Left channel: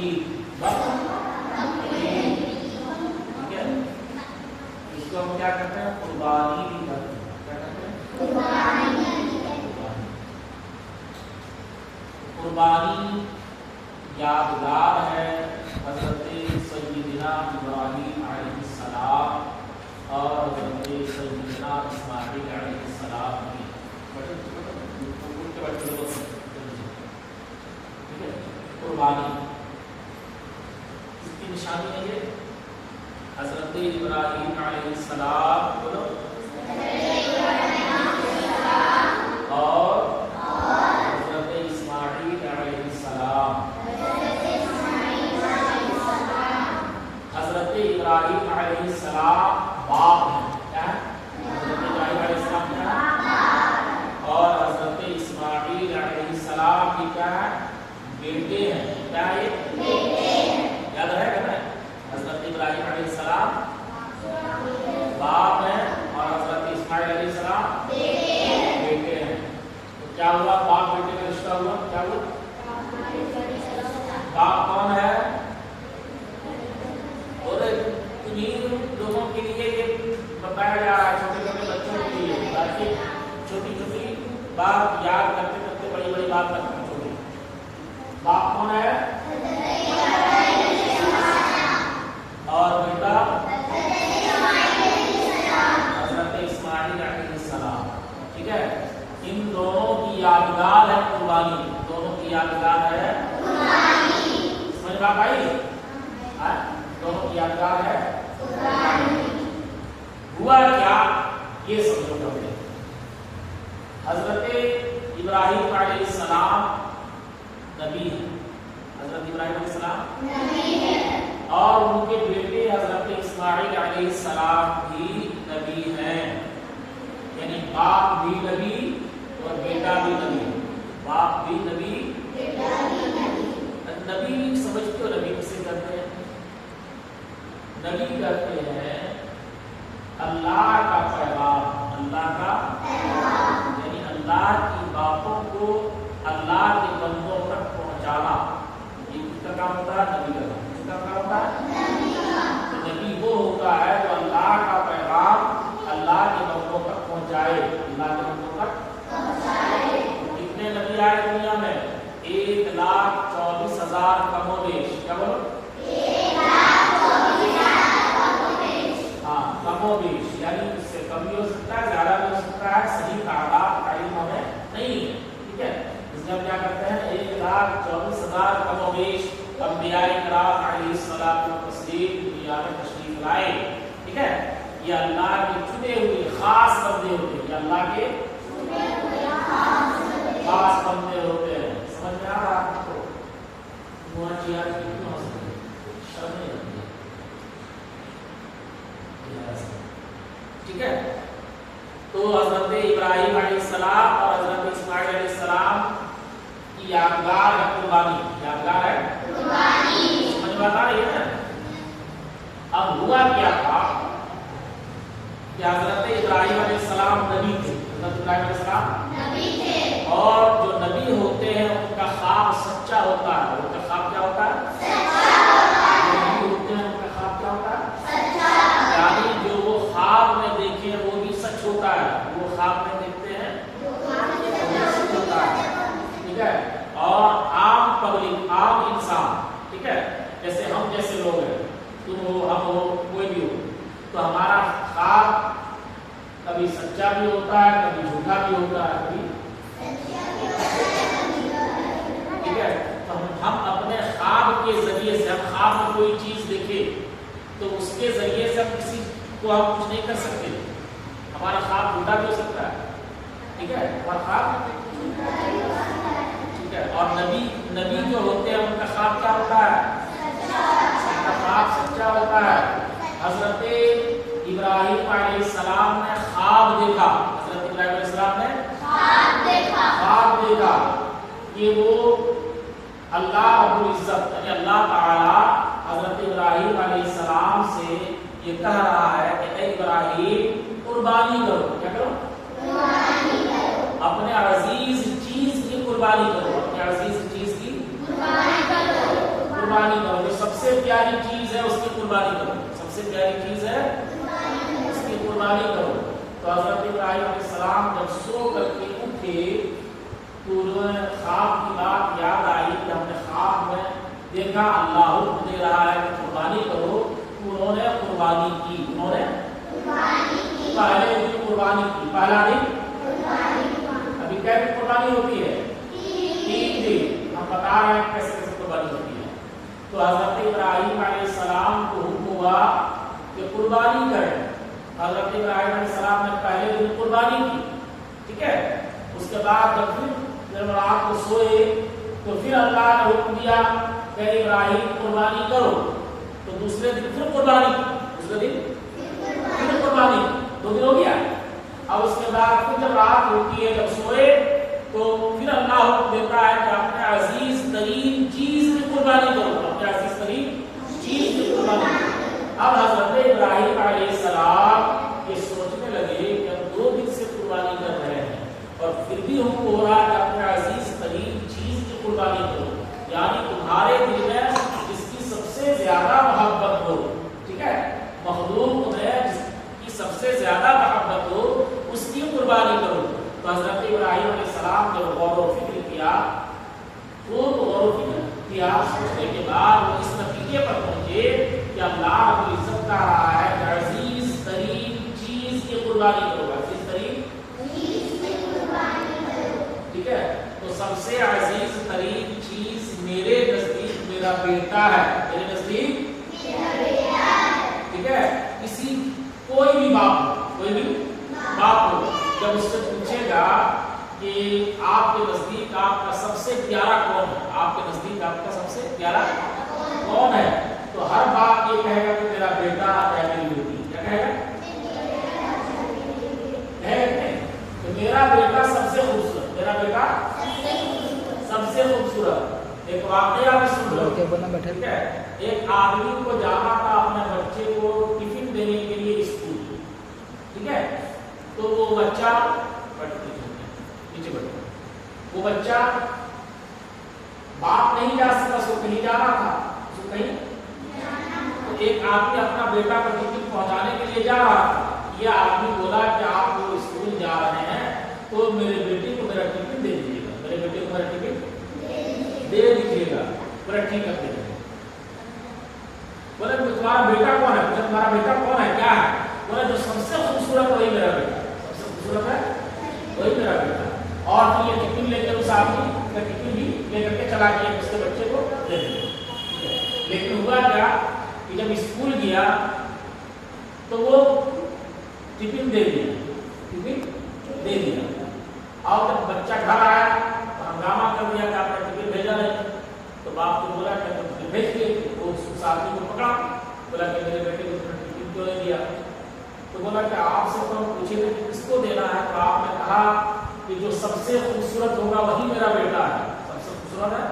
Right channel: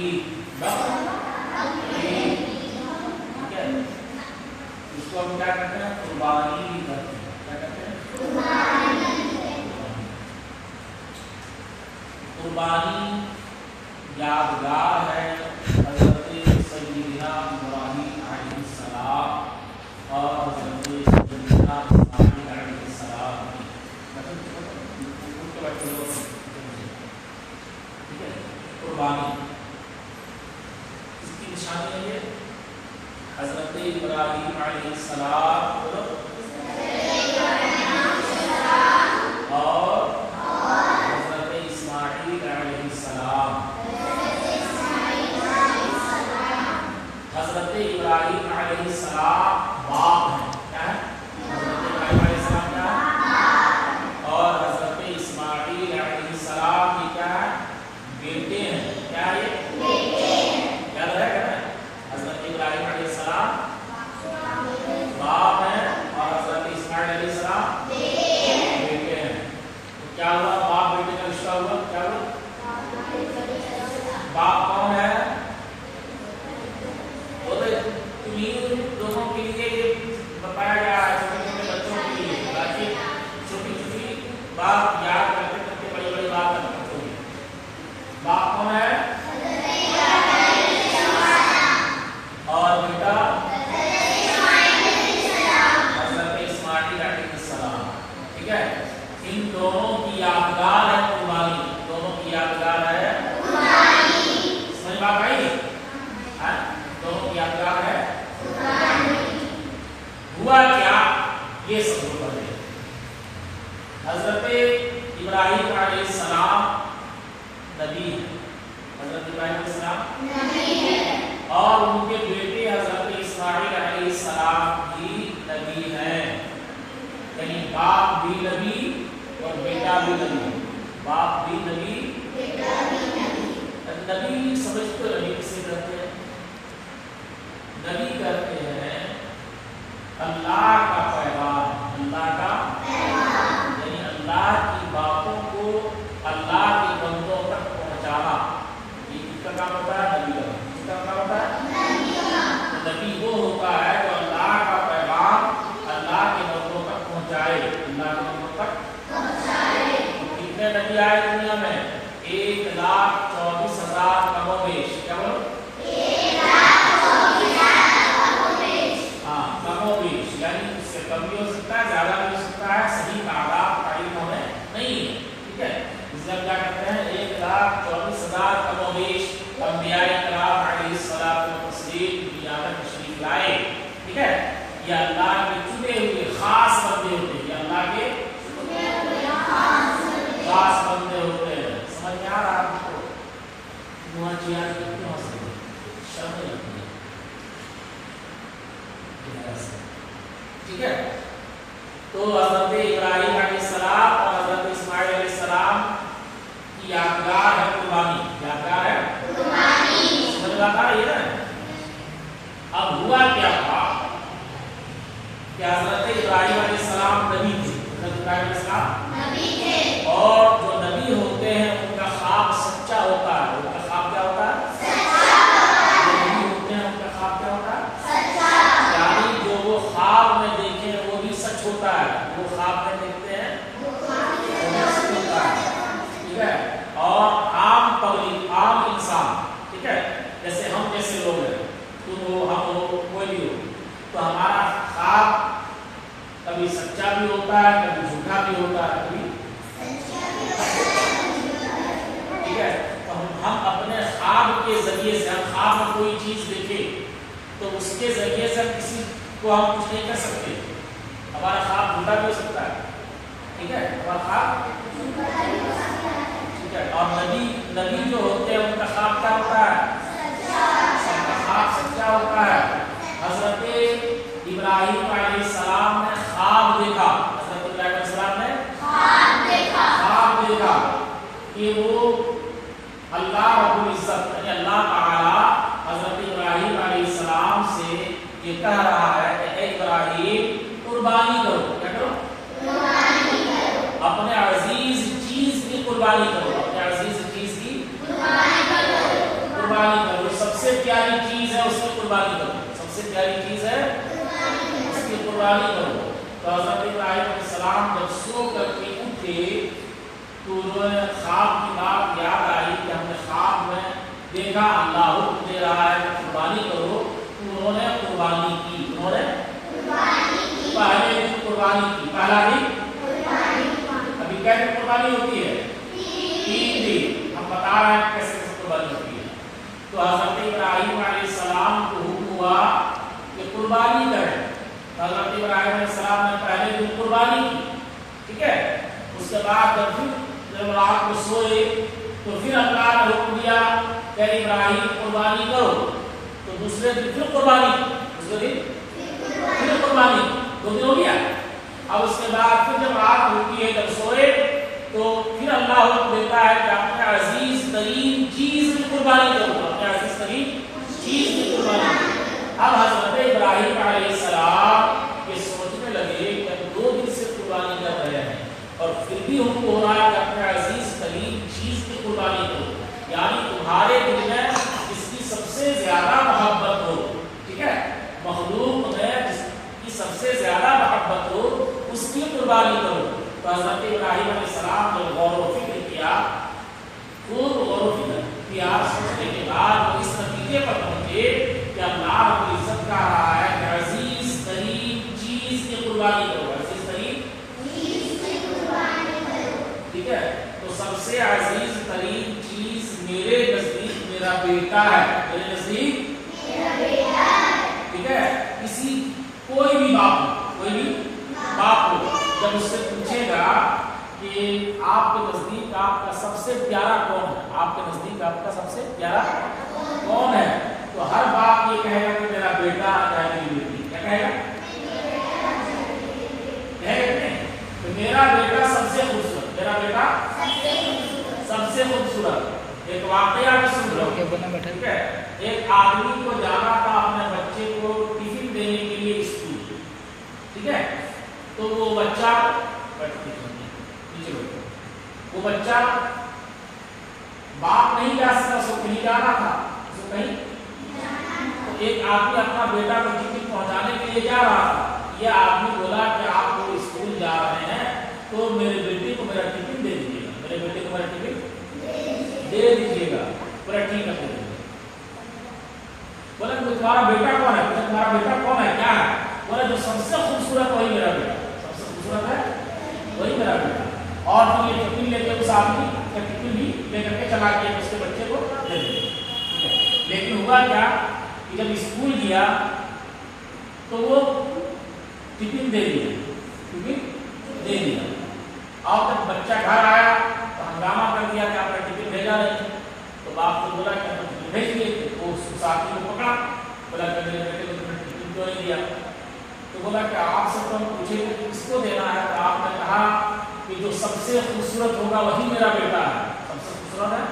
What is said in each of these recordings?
बकरीद, ठीक है। इसको हम क्या करते हैं, कुर्बानी भी करते हैं। क्या करते हैं, कुर्बानी यादगार है हज़रत सय्यदना इब्राहीम अलैहिस्सलाम और हज़रत सय्यदना इस्माईल अलैहिस्सलाम की। ठीक है, कुर्बानी इसकी निशानी है ये हज़रत इब्राहीम अलैहिस्सलाम बोलो और हज़रत इस्माईल अलैहिस्सलाम। हज़रत इब्राहीम अलैहिस्सलाम बाप हैं, क्या है, हज़रत इब्राहीम अलैहिस्सलाम क्या है, और हज़रत इस्माईल अलैहिस्सलाम की क्या है, बेटे हैं। क्या है ये, याद रहेगा ना, हज़रत इब्राहीम अलैहिस्सलाम बाप हैं और हज़रत इस्माईल अलैहिस्सलाम बेटे हैं। तो क्या हुआ, बाप बेटे का रिश्ता हुआ, क्या हुआ, बाप कौन है, तुम्हीं लोगों के लिए ये बताया जा रहा है, छोटे छोटे बच्चों के लिए, ताकि छोटी छोटी बात याद करते करते बड़ी बड़ी बात तक पहुंचोगे। बाप कौन है, और बेटा हज़रत इस्माईल अलैहिस्सलाम। ठीक है, इन दोनों की यादगार है कुर्बानी, दोनों की यादगार है कुर्बानी। समझ में आई, दोनों की यादगार है कुर्बानी। हुआ क्या, ये समझो पहले। हज़रत इब्राहीम अलैहिस्सलाम नबी है, हज़रत इब्राहीम अलैहिस्सलाम नबी है, और उनके बेटे हज़रत इस्माईल अलैहिस्सलाम भी नबी हैं। यानी बाप भी नबी और बेटा भी नबी, बाप भी नबी बेटा भी नबी। नबी समझते हो, नबी किसे कहते हैं, नबी कहते हैं अल्लाह का पैगाम, अल्लाह का पैगाम, यानी अल्लाह की बातों को अल्लाह के बंदों तक पहुंचाना, ये किसका काम होता है, नबी का। किसका काम होता है, तो नबी वो होता है जो अल्लाह का पैगाम अल्लाह के बंदों तक पहुंचाए, अल्लाह के बंदों तक पहुंचाए। कितने नबी आए दुनिया में, 1,24,000 कमोबेश। क्या बोलो, 1,24,000 कमोबेश। हाँ, कमोबेश यानी उससे कम भी हो सकता है, ज्यादा भी हो सकता है, सही तादाद तारीफ होने नहीं है। ठीक है, इसलिए हम क्या करते हैं, 1,24,000 कमोबेश अंबियाए किराम अलैहिस्सलातु वस्सलाम दुनिया में तशरीफ लाए। ठीक है, ये अल्लाह के चुने हुए खास बंदे होते हैं, ये अल्लाह के चुने हुए खास बंदे होते हैं। समझ में आ रहा है आपको, मुआजिया क्यों हो सकती है, शर्म नहीं लगती है। ठीक है, तो हज़रत इब्राहीम अलैहिस्सलाम और हज़रत इस्माईल अलैहिस्सलाम की यादगार है कुर्बानी, यादगार है कुर्बानी। समझ में आता है ना। अब हुआ क्या था कि हज़रत इब्राहीम अलैहिस्सलाम नबी थे, हज़रत इब्राहीम अलैहिस्सलाम नबी थे, और जो नबी होते हैं उनका ख्वाब सच्चा होता है। उनका ख्वाब क्या होता है, सच्चा होता है। जो नबी होते हैं उनका ख्वाब क्या होता है, सच्चा, यानी जो वो ख्वाब में देखें वो भी सच होता है, वो ख्वाब में देखते हैं वो सच होता है। ठीक है, और आम पब्लिक, आम इंसान, ठीक है, जैसे हम जैसे लोग हैं, तुम हो, हम हो, कोई भी हो, तो हमारा ख्वाब कभी सच्चा भी होता है, कभी झूठा भी होता है, कभी ठीक है। तो हम अपने ख्वाब के जरिए से, हम ख्वाब में कोई चीज देखें तो उसके जरिए से किसी को हम कुछ नहीं कर सकते। हमारा ख्वाब झूठा भी हो सकता है, ठीक है, हमारा ख्वाब, ठीक है। और नबी जो होते हैं उनका ख्वाब क्या होता है, उनका ख्वाब सच्चा होता है। हज़रत इब्राहीम अलैहिस्सलाम ने ख्वाब देखा, हज़रत इब्राहीम अलैहिस्सलाम ने ख्वाब देखा कि वो अल्लाह रब्बुल इज्जत यानी अल्लाह ताला हज़रत इब्राहीम अलैहिस्सलाम से ये कह रहा है कि ए इब्राहीम कुर्बानी करो। क्या करो, कुर्बानी करो, अपने अजीज चीज की कुर्बानी करो, अपने अजीज चीज की कुर्बानी करो। قربانی کرو. جو سب سے پیاری چیز ہے اس کی قربانی کرو. سب سے پیاری چیز ہے اس کی قربانی کرو. تو حضرت ابراہیم علیہ السلام جب سو کر کے اٹھے تو انہوں نے خواب کی بات یاد آئی کہ ہم نے خواب میں دیکھا اللہ حکم دے رہا ہے کہ قربانی کرو. تو انہوں نے قربانی کی. انہوں نے پہلے دن قربانی کی. پہلا دن ابھی کیسے قربانی ہوتی ہے؟ 3 دن. ہم بتا رہے ہیں کیسے قربانی ہوتی ہے. تو حضرت ابراہیم علیہ السلام کو حکم ہوا کہ قربانی کریں. حضرت ابراہیم علیہ السلام نے پہلے دن قربانی کی. ٹھیک ہے. اس کے بعد جب رات کو سوئے تو پھر اللہ نے حکم دیا کہ ابراہیم قربانی کرو. تو دوسرے دن پھر قربانی. دوسرے دن پھر قربانی. 2 دن ہو گیا. اب اس کے بعد پھر جب رات ہوتی ہے جب سوئے تو پھر اللہ حکم دیتا ہے کہ اپنے عزیز ترین چیز کی قربانی کرو. اپنے عزیز ترین چیز کی قربانی کرو. اب حضرت ابراہیم علیہ السلام یہ سوچنے لگے کہ 2 دن سے قربانی کر رہے ہیں اور پھر بھی حکم ہو رہا ہے کہ اپنے عزیز ترین چیز کی قربانی کرو. یعنی تمہارے دل میں جس کی سب سے زیادہ محبت ہو. ٹھیک ہے. مخلوق میں جس کی سب سے زیادہ محبت ہو اس کی قربانی کرو. تو حضرت ابراہیم علیہ السلام نے غور و فکر کیا. خوب غور و فکر کیا. سوچنے کے بعد وہ اس نتیجے پر پہنچے کہ اللہ رب العزت کہہ رہا ہے کہ عزیز ترین چیز کی قربانی کرو. عزیز ترین چیز کی قربانی کرو. ٹھیک ہے. تو سب سے عزیز ترین چیز میرے نزدیک میرا بیٹا ہے. میرے نزدیک میرا بیٹا ہے. ٹھیک ہے. کسی کوئی بھی باپ ہو جب اس سے پوچھے گا کہ آپ کے نزدیک آپ کا سب سے پیارا کون ہے, آپ کے نزدیک آپ کا سب سے پیارا کون ہے, تو ہر باپ یہ کہے گا کہ میرا بیٹا یا میری بیٹی. کیا کہے گا؟ تو میرا بیٹا سب سے خوبصورت. میرا بیٹا سب سے خوبصورت. ایک واقعہ بھی سن لو. ٹھیک ہے. ایک آدمی کو جانا تھا اپنے بچے کو ٹفن دینے کے لیے اسکول. ٹھیک ہے. تو وہ بچہ وہ بچہ باپ نہیں جا سکتا, اس کو کہیں جانا تھا, اس کو کہیں. تو ایک آدمی اپنا بیٹا کو ٹفن پہنچانے کے لیے جا رہا تھا. یہ آدمی بولا کہ آپ وہ اسکول جا رہے ہیں تو میرے بیٹے کو میرا ٹفن دے دیجیے گا. میرے بیٹے کو میرا ٹفن دے دیجیے گا. بولا ٹھیک ہے. بولے تمہارا بیٹا کون ہے؟ تمہارا بیٹا کون ہے, کیا ہے؟ بولے جو سب سے خوبصورت وہی میرا بیٹا. سب سے خوبصورت ہے وہی میرا بیٹا. اور پھر یہ ٹفن لے کے اس آدمی کا ٹفن بھی لے کر کے چلا گیا, اس کے بچے کو دے دیا. لیکن ہوا کیا کہ جب اسکول گیا تو وہ ٹفن دے دیا. اور جب بچہ گھر آیا تو ہنگامہ کر دیا کہ آپ نے ٹفن بھیجا نہیں. تو باپ کو بولا کہ ٹفن بھیج دیے. وہ اس آدمی کو پکڑا, بولا کہ میرے بیٹے کو ٹفن کیوں نہیں دیا. تو بولا کہ آپ سے تو ہم پوچھے کس کو دینا ہے, تو آپ نے کہا کہ جو سب سے خوبصورت ہوگا وہی میرا بیٹا ہے. سب سے خوبصورت ہے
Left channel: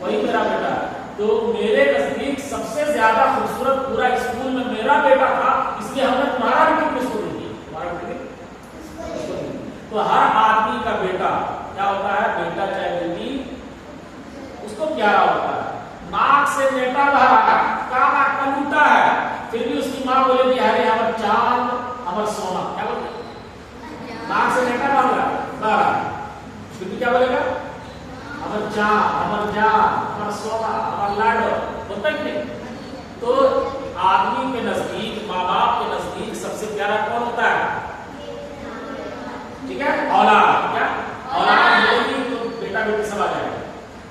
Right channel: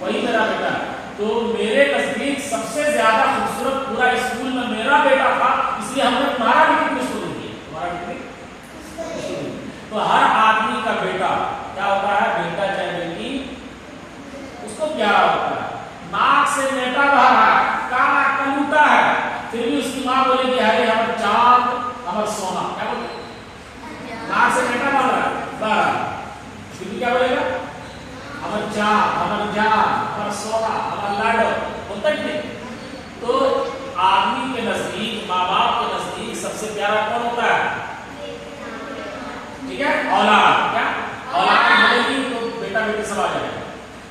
وہی میرا بیٹا ہے. تو میرے نزدیک سب سے زیادہ خوبصورت پورا اسکول میں میرا بیٹا تھا, اس لیے ہم نے تمہارا ٹفن اس کو دے دیا. تمہارا ٹفن. تو ہر آدمی کا بیٹا کیا ہوتا ہے, بیٹا چاہے بیٹی, اس کو پیارا ہوتا ہے. ناک سے نیٹا بہ رہا ہے, کانا کلوٹا ہے, پھر بھی اس کی ماں بولے کہ ارے ہمارا چاند ہمارا سونا. کیا بولے؟ ناک سے نیٹا بہ رہا ہے, پھر بھی کیا بولے گا؟ ہمارا چاند, ہمارا جان, ہمارا سونا, ہمارا لاڈو. ہوتا کہ نہیں؟ تو آدمی کے نزدیک, ماں باپ کے نزدیک سب سے پیارا کون ہوتا ہے؟ ٹھیک ہے. اولاد. کیا اولاد ملے گی تو بیٹا بیٹی سب آ جائے گا.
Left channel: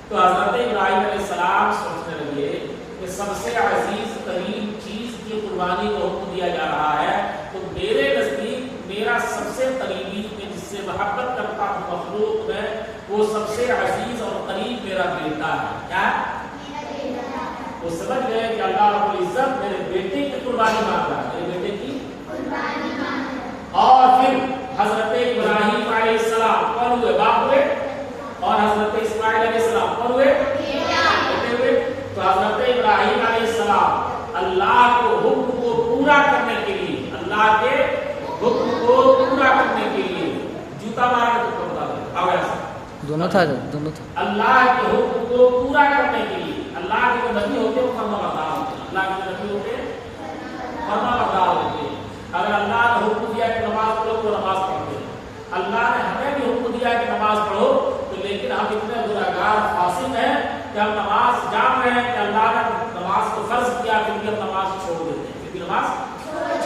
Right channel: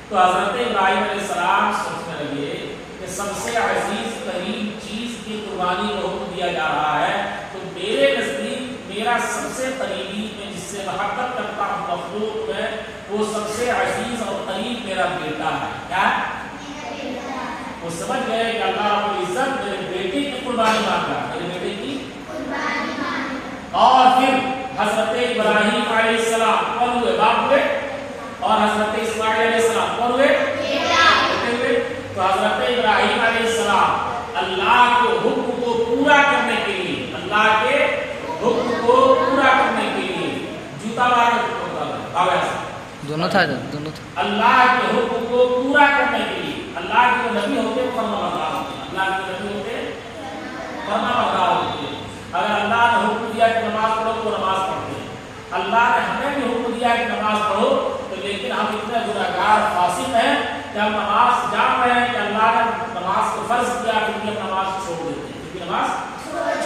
تو حضرت ابراہیم علیہ السلام سوچنے لگے کہ سب سے عزیز ترین چیز کی قربانی کو حکم دیا جا رہا ہے, تو میرے نزدیک میرا سب سے قریبی, میں جس سے محبت کرتا ہوں مخلوق میں, وہ سب سے عزیز اور قریب میرا بیٹا ہے. کیا وہ سمجھ گئے کہ اللہ رب العزت میرے بیٹے کی قربانی مانگ رہا ہے, میرے بیٹے کی قربانی مانگ. اور پھر حضرت ابراہیم علیہ السلام کون ہوئے؟ باپ ہوئے. اور حضرت اسماعیل علیہ السلام کون ہوئے؟ بیٹے ہوئے. تو حضرت ابراہیم علیہ السلام اللہ کے حکم کو پورا کرنے کے لیے, اللہ کے حکم کو پورا کرنے کے لیے جوتا مار کے دونوں दोनों था अल्लाह के हुक्म को पूरा करने के लिए अल्लाह के जो नबी होते हैं फरमा बरदार होते हैं। अल्लाह के नबी होते हैं फरमा बरदार होते हैं। अगर अल्लाह ने हुक्म दिया कि नमाज पढ़ो तो नमाज पढ़ते हैं। अल्लाह ने हमें भी हुक्म दिया कि नमाज पढ़ो, तो लेकिन हम इतने गुनाहगार फासिक हैं कि हम नमाज जान रहे हैं कि अल्लाह ने नमाज को फर्ज किया, फिर भी हम नमाज छोड़ देते हैं, क्योंकि नमाज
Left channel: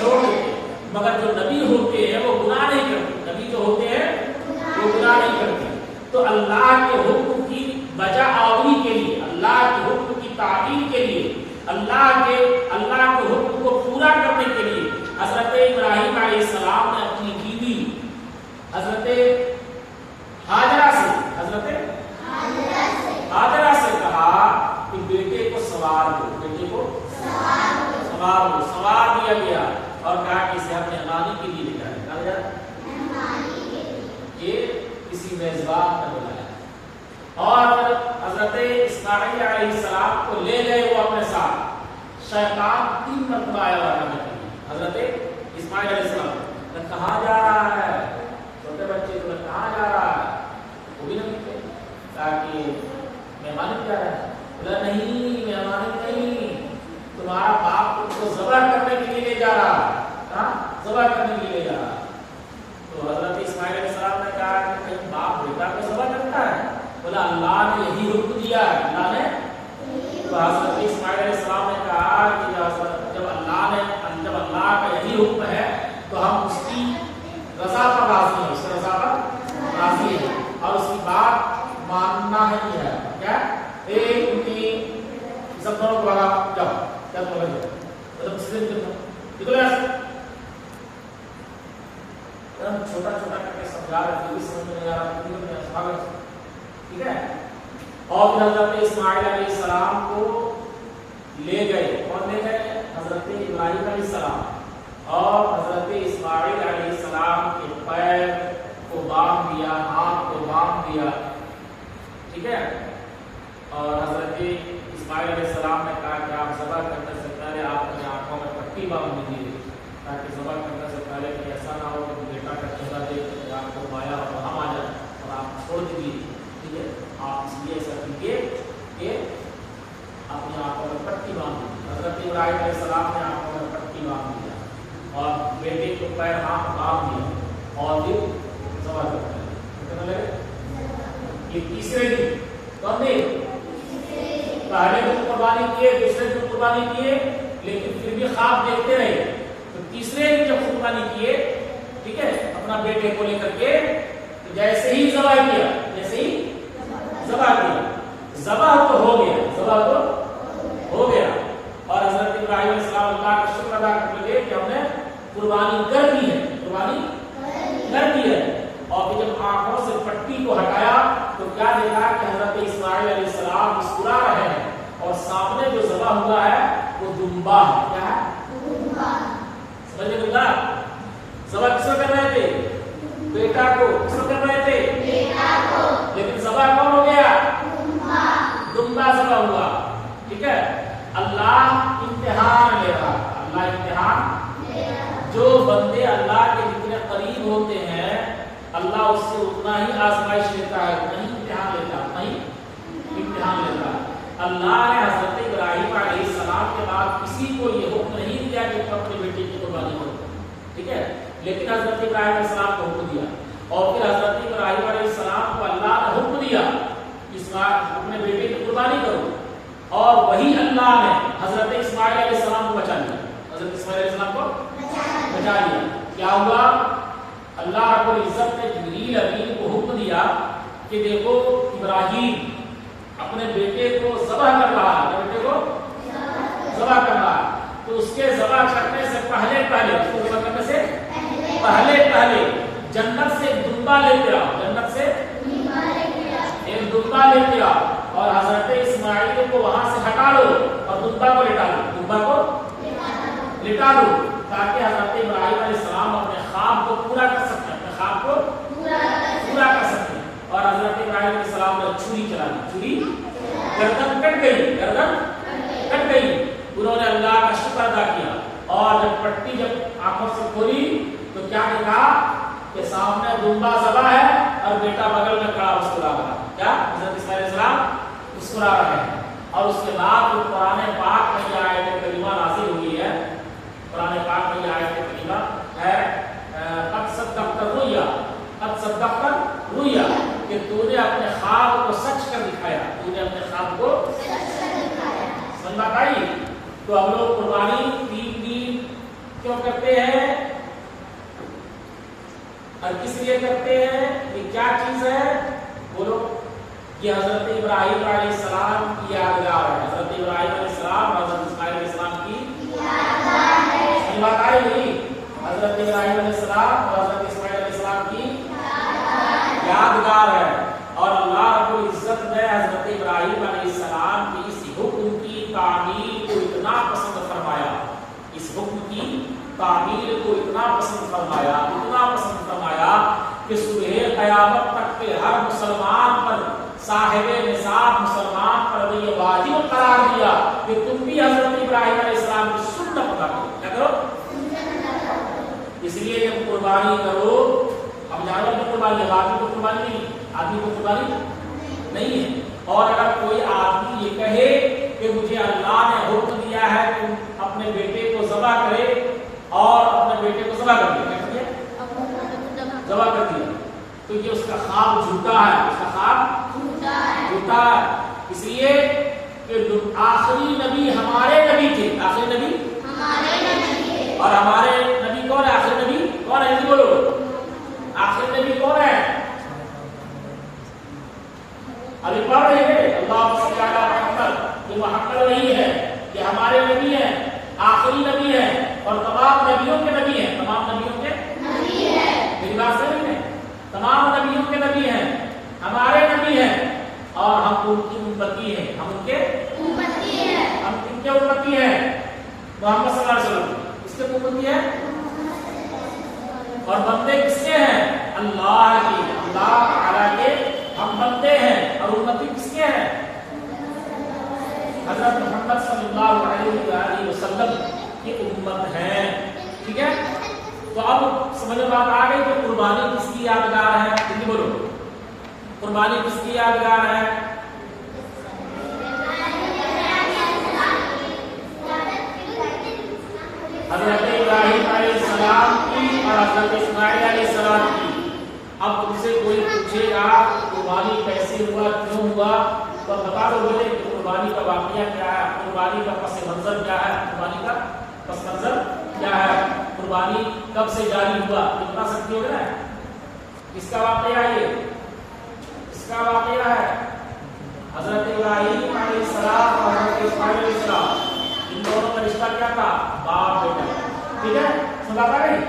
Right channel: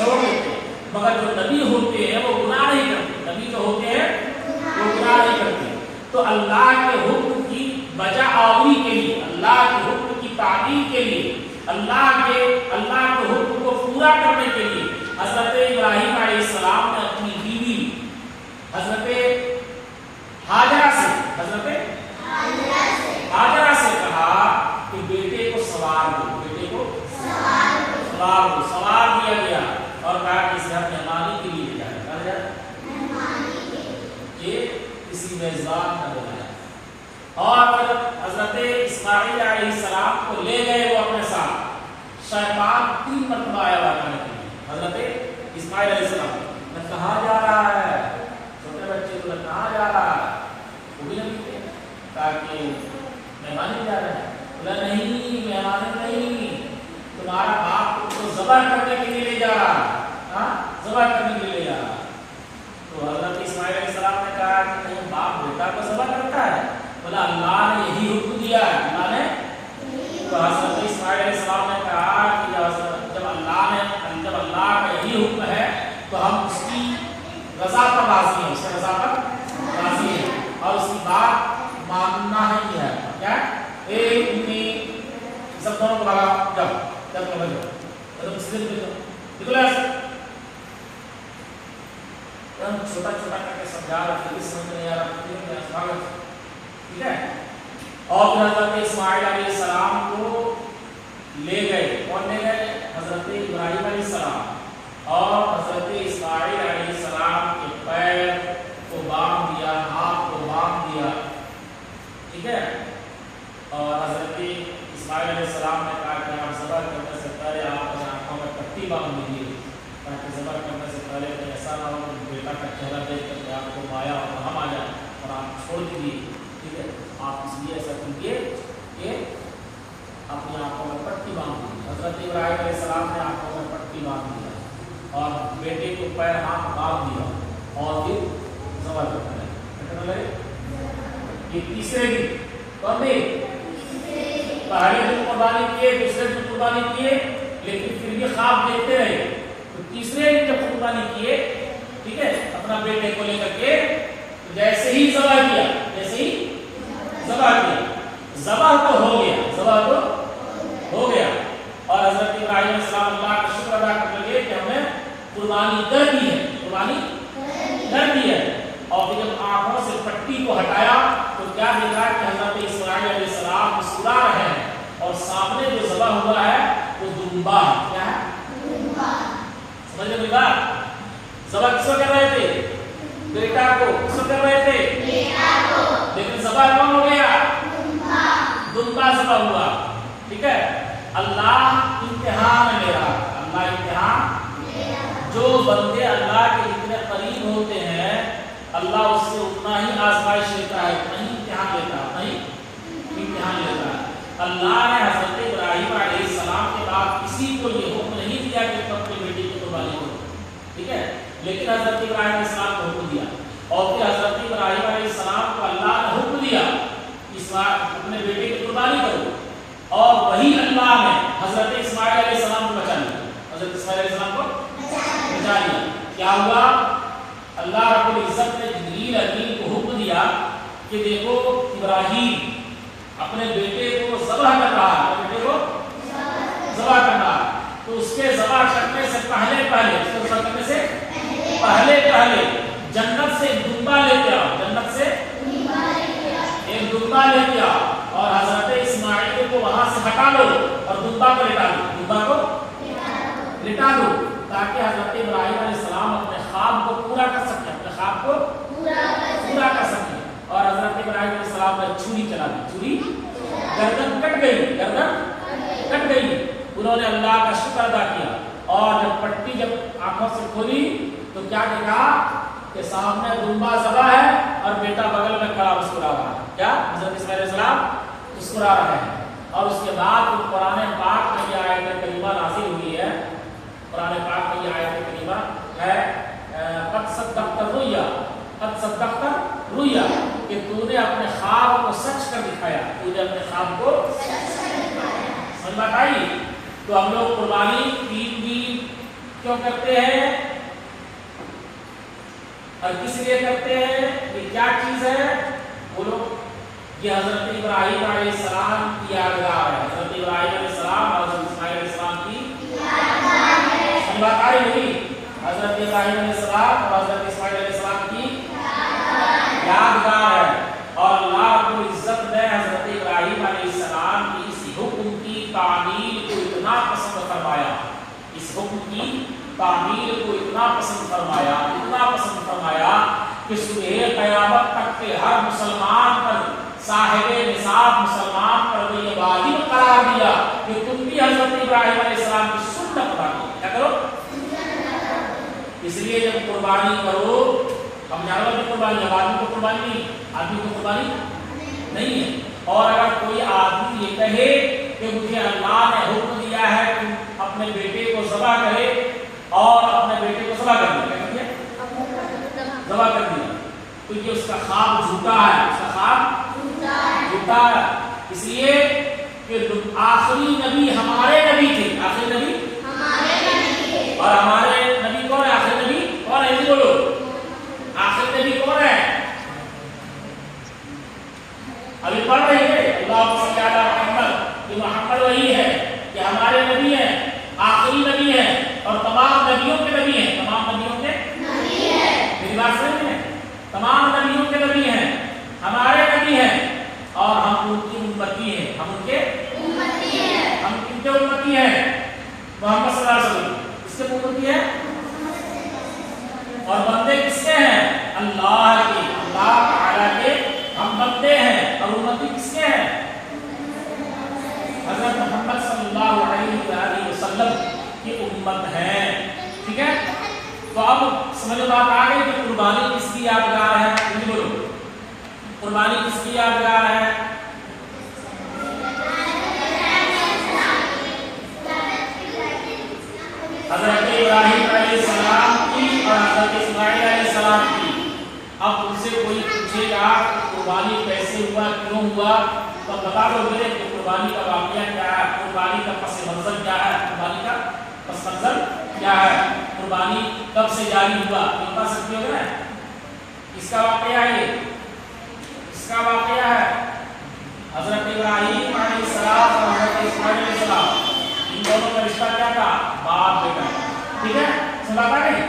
छोड़ देते हैं। मगर जो नबी होते हैं वो गुनाह नहीं करते, नबी जो होते हैं वो गुनाह नहीं करते। तो अल्लाह के हुक्म की बजाआवरी के लिए, अल्लाह के हुक्म की तालीम के लिए, अल्लाह के हुक्म को पूरा करने के लिए हजरत इब्राहिम अलैहिस्सलाम ने अपनी बीवी हजरत हाजरा से कहा कि बेटे को सवार दो, सवार दिया गया और कहा कि इसे हम मेहमानी के लिए ले जाए। ये किसी मेजबान का बुलाया और हजरत इस्माइल अलैहिस्सलाम को ले गए वो अपने साथ। शैतान 3 मरतबा आया करने के लिए हजरत इस्माइल अलैहिस्सलाम ने कहा जा रहा है, छोटे बच्चे को कहा जा रहा है, वो भी नहीं थे ताकि मेहमानी जा रहे हैं। बोला नहीं, मेहमानी नहीं, तुम्हारा बाप तुमको ज़बह करने के लिए ले जा रहा, ज़बह करने के लिए ले जा रहा। तो हजरत इस्माइल अलैहिस्सलाम ने कहा कि नहीं, बाप बेटा को ज़बह करता है? बोला अल्लाह ने यही हुक्म दिया है, अल्लाह ने। तो हजरत इस्माइल अलैहिस्सलाम ने कहा कि जब अल्लाह का यही हुक्म है तो हम उसकी रजा पर राजी हैं, उसकी रजा पर राजी हैं और उसकी बात मानना है कि है क्या एक उनकी सब दोनों को लगा जब मतलब सीधे निकले छोटा करके समझा रहे थे, समझ नहीं आ रहा, ठीक है। और फिर हजरत इस्माइल अलैहिस्सलाम को ले गए, कौन ले गए? हजरत इब्राहिम अलैहिस्सलाम। और हजरत इस्माइल अलैहिस्सलाम के पैर को बांध दिया, हाथ को बांध दिया, ठीक है। और हजरत इस्माइल अलैहिस्सलाम ने कहा कि आप ज़बह करने से पहले आप अपनी आंखों में पट्टी बांध दीजिए, ताकि ज़बह करने से पहले ऐसा ना हो कि बेटा का चेहरा देख करके आपको माया और रहम आ जाए और आप छोड़ दीजिए, ठीक है। आप इसलिए ऐसा कीजिए कि अपनी आंखों में पट्टी बांध दी। हजरत इब्राहिम अलैहिस्सलाम ने आंखों में पट्टी बांध दिया और बेटे को पैर हाथ बांध दिया और फिर ज़बह करने लगे। ये तीसरे दिन कौन दिन? पहले दिन कुर्बानी किए, दूसरे दिन कुर्बानी किए, लेकिन फिर भी ख्वाब देखते रहे। तो तीसरे दिन जब कुर्बानी किए, ठीक है, अपना बेटे को लेकर के, तो जैसे ही ज़बह किया, ज़बह तो हो गया, और हजरत इब्राहिम अलैहिस्सलाम अल्लाह का शुक्र अदा करने लगे कि हमने कुर्बानी कर दी है। और फिर जब आंखों से पट्टी को हटाया तो क्या देखा कि हजरत इस्माइल अलैहिस्सलाम मुस्कुरा रहे हैं और सामने जो ज़बह हुआ है वो दुम्बा है। क्या है? समझ में मिला? ज़बह किसको कर रहे थे? बेटा को। किसको कर रहे थे? लेकिन ज़बह कौन हो गया? दुम्बा ज़बह हुआ, ठीक है। अल्लाह इम्तिहान ले रहा, अल्लाह इम्तिहान। जो बंदे अल्लाह के जितने करीब होते हैं अल्लाह उससे उतना ही आजमाइश लेता है, नहीं इम्तिहान लेता है। अल्लाह ने हजरत इब्राहिम अलैहिस्सलाम के बाद किसी को ये हुक्म नहीं दिया कि अपने बेटे की कुर्बानी करो, ठीक है। लेकिन हजरत इब्राहिम अलैहिस्सलाम को हुक्म दिया और फिर हजरत इब्राहिम अलैहिस्सलाम को अल्लाह ने हुक्म दिया अपने बेटे की कुर्बानी करो, और वही अल्लाह ने हजरत इस्माइल अलैहिस्सलाम को बचा लिया। हजरत इस्माइल अलैहिस्सलाम को बचा लिया। क्या हुआ? अल्लाह रब्बुल इज्जत ने जिब्रील अमीन को हुक्म दिया कि देखो इब्राहिम अपने बेटे को ज़बह कर रहा है, तो उसके ज़बह करने से पहले जन्नत से एक दुम्बा लेके आओ, और हजरत इस्माइल को वहां से हटा लो और दुम्बा को लिटा दो, ताकि हजरत इब्राहिम अलैहिस्सलाम अपने ख्वाब को पूरा कर सके, और हजरत इब्राहिम अलैहिस्सलाम ने छुरी चला दी, गर्दन कट गई। उन्होंने अल्लाह का शुक्र अदा किया और जब पट्टी आंखों से खोली तो क्या देखा कि सामने दुम्बा ज़बह है और बेटा बगल में खड़ा उसको ला रहा है। क्या हजरत इस्माइल अलैहिस्सलाम मुस्कुरा रहे हैं। और उसके बाद जो कुरान पाक में यह आयत करीमा नाज़िल हुई है, कुरान पाक में यह आयत करीमा है कद सद्दक़्ता रुया, कद सद्दक़्ता रुया, कि तूने अपने ख्वाब को सच कर दिखाया, तूने अपने ख्वाब को समझ में आई। तो हम लोग कुर्बानी ईद की क्यों करते हैं और किस लिए करते हैं, ये क्या चीज है बोलो। ये हजरत इब्राहिम अलैहिस्सलाम की यादगार है, हजरत इब्राहिम अलैहिस्सलाम और हजरत इस्माइल अलैहिस्सलाम की यादगार है। बात आई नहीं, हजरत इब्राहिम अलैहिस्सलाम और हजरत इस्माइल अलैहिस्सलाम की यादगार है। और अल्लाह रब्बुल इज्जत ने हजरत इब्राहिम अलैहिस्सलाम की इस हुक्म की तामील को इतना पसंद फरमाया, इस हुक्म की तामील को इतना पसंद फरमाया, इतना पसंद फरमाया कि सुबह क़यामत तक के हर मुसलमान पर, साहिबे निसाब मुसलमान पर ये वाजिब करार दिया कि तुम भी हजरत इब्राहिम अलैहिस्सलाम की सुन्नत अदा करो। क्या करो? इसलिए जब कुर्बानी करो, हम जानवर की कुर्बानी, आदमी को कुर्बानी नहीं, आदमी को कुर्बानी नहीं है। और अगर कोई आदमी ये कहे कि मुझे अल्लाह ने हुक्म दिया है तुम अपने बेटे को ज़बह करे, और अपने बेटे को ज़बह कर दिया, क्या किया? ज़बह कर दिया, तो ये उसका ख्वाब झूठा है, उसका ख्वाब झूठा है। इसलिए कि आखिरी नबी हमारे नबी थे, आखिरी नबी हमारे नबी थे। और हमारे नबी कौन है? आखिरी नबी कौन है? बोलो, आखिरी नबी कौन है? अभी पढ़ रहे हैं अल्लाह सल्लल्लाहु अलैहि मोहम्मद, ये मोहम्मद वही है कि हमारे नबी हैं, आखिरी नबी हैं और तमाम नबियों के नबी हैं, तमाम नबियों के नबी हैं। मेरी बात सही है? तमाम नबियों के नबी हैं, हमारे नबी हैं और हम उनकी उम्मती हैं, हम उनके उम्मती हैं। हम किनके उम्मती हैं? मोहम्मद सल्लल्लाहु अलैहि वसल्लम, किसके उम्मती हैं? और बंदे किसके हैं? अल्लाह के, अल्लाह ताला के हम बंदे हैं। और उम्मती किसके हैं? हज़रत मोहम्मद सल्लल्लाहु अलैहि वसल्लम की उम्मत है। ठीक है, तो अब समझ में बात आ गई कि कुर्बानी किसकी यादगार है? जल्दी बोलो, कुर्बानी किसकी यादगार है? हज़रत इब्राहिम अलैहिस्सलाम की और हज़रत इस्माइल अलैहिस्सलाम की। अब तुमसे कोई पूछेगा कुर्बानी कैसे हुआ, क्यों हुआ, तो बता दोगे कि कुर्बानी का वाक़या क्या है, कुर्बानी का पस मंजर क्या है, कुर्बानी का पस मंजर क्या है, कुर्बानी कब से जारी हुआ, ये बता सकते हो ना? इसका वाक़या है, ये इसका वाक़या है हज़रत इब्राहिम अलैहिस्सलाम और हज़रत इस्माइल अलैहिस्सलाम, इन दोनों का रिश्ता क्या था? बाप बेटा। ठीक है, समझ आ गई?